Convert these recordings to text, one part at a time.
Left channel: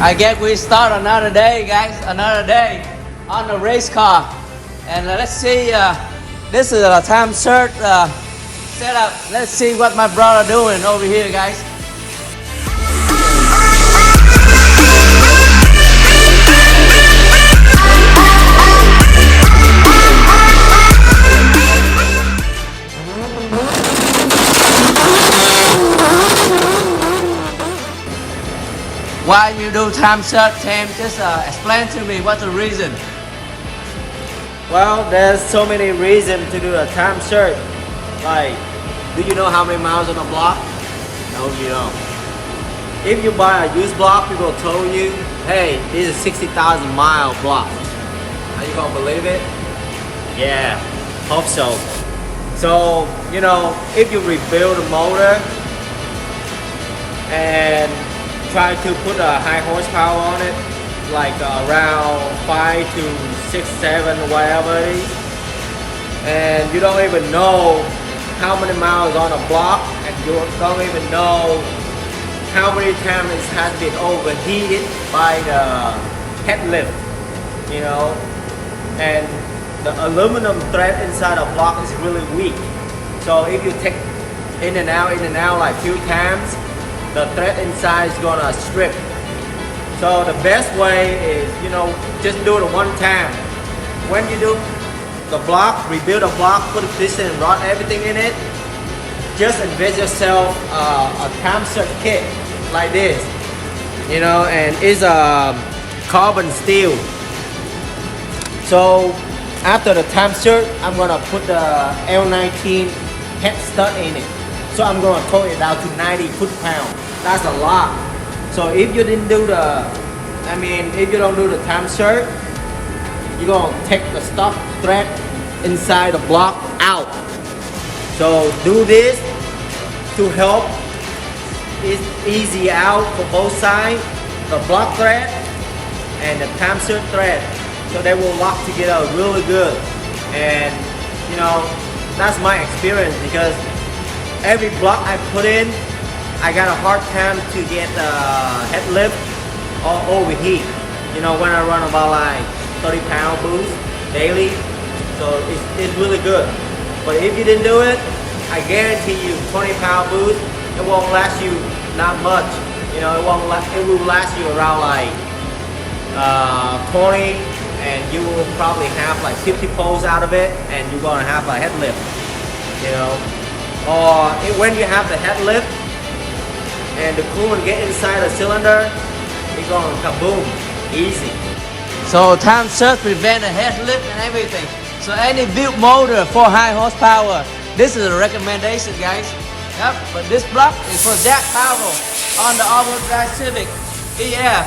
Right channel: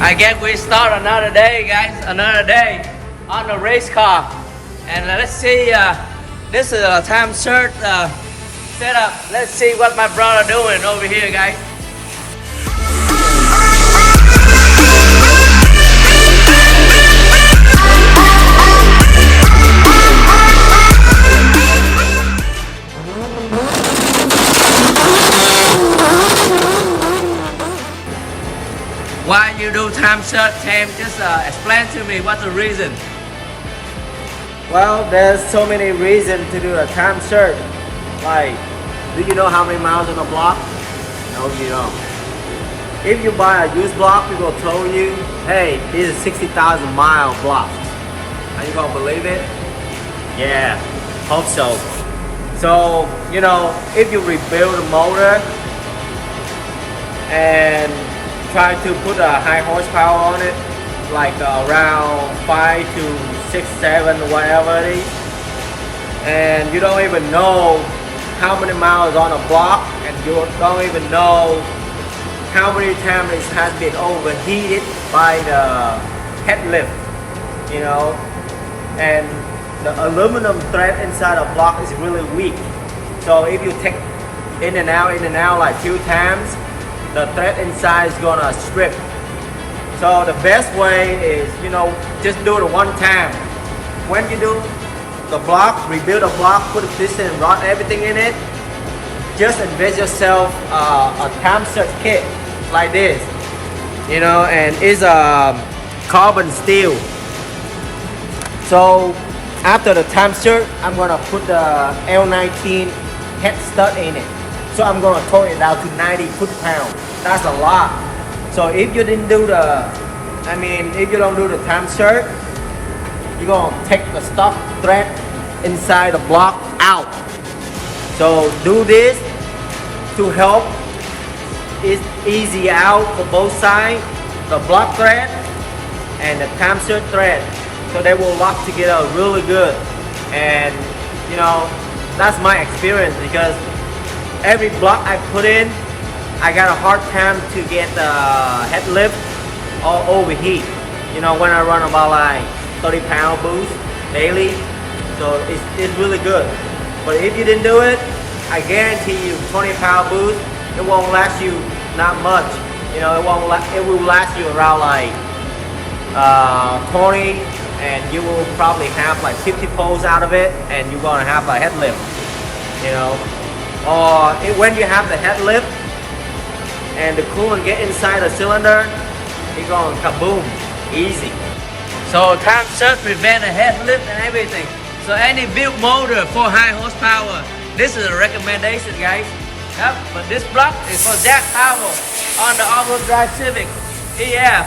I guess we start another day, guys. Another day on the race car. And let's see, this is a time sert setup. Let's see what my brother doing over here, guys. Why you do time sert, Pham? Just explain to me what's the reason. Well, there's so many reasons to do a time sert. Like, do you know how many miles on a block? No, you don't. If you buy a used block, people tell you, hey, this is 60,000 mile block. Are you gonna believe it? Yeah, hope so. So, you know, if you rebuild a motor and try to put a high horsepower on it, like around 5 to 6, 7, whatever it is, and you don't even know how many miles on a block, and you don't even know how many times it has been overheated by the head lift, you know, and the aluminum thread inside a block is really weak. So if you take in and out like few times, the thread inside is gonna strip. So the best way is, you know, just do it one time. When you do the block, rebuild a block, put a piston and rod, everything in it, just invest yourself a time sert kit like this, you know, and it's a carbon steel. So after the time sert, I'm gonna put the L19 head stud in it. So I'm gonna tow it down to 90 foot-pounds. That's a lot. So if you didn't do if you don't do the time sert, you're gonna take the stock thread inside the block out. So do this to help it easy out for both sides, the block thread and the time sert thread. So they will lock together really good. And you know, that's my experience, because every block I put in, I got a hard time to get the head lift or overheat. You know, when I run about like 30-pound boost daily, so it's really good. But if you didn't do it, I guarantee you 20-pound boost, it won't last you not much. You know, it will last you around like 20, and you will probably have like 50 pulls out of it, and you're gonna have a head lift. You know, or when you have the head lift and the coolant get inside the cylinder, it's going kaboom, easy. So time sert prevent the head lift and everything. So any built motor for high horsepower, this is a recommendation, guys. Yep, but this block is for jack power on the all-wheel drive Civic. Yeah,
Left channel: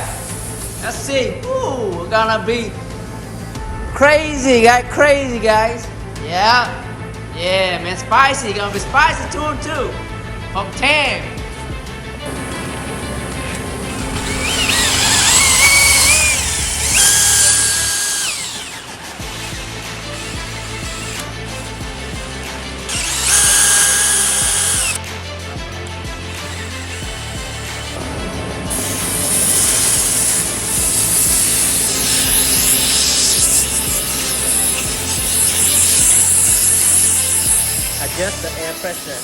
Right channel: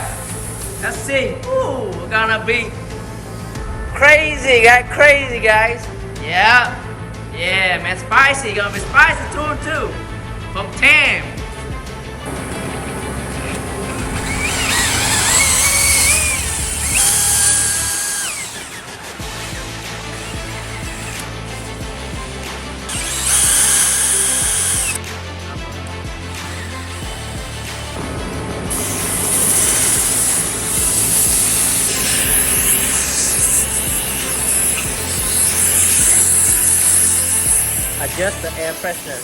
let's see. Ooh, we're gonna be crazy, guys. Yeah. Yeah, man, spicy. Gonna be spicy too. From Pham. Adjust the air pressure.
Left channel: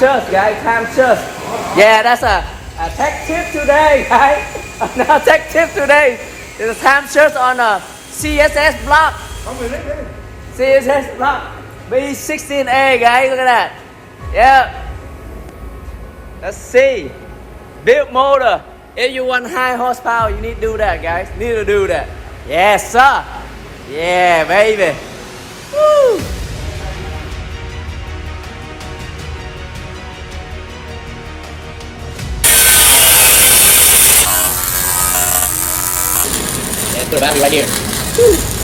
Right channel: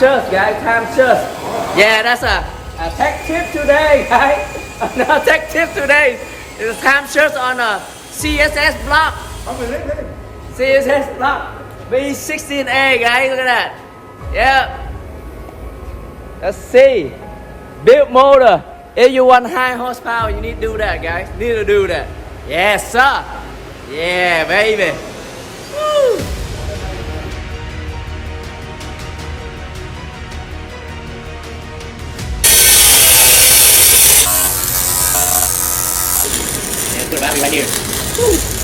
sert, guys. Time sert. Yeah, that's a tech tip today, guys. Another tech tip today is a time sert on a CSS block. CSS block B16A, guys. Look at that. Yeah. Let's see. Build motor. If you want high horsepower, you need to do that, guys. Need to do that. Yes, sir. Yeah, baby. Woo. Yeah, put a battery right here. Woo.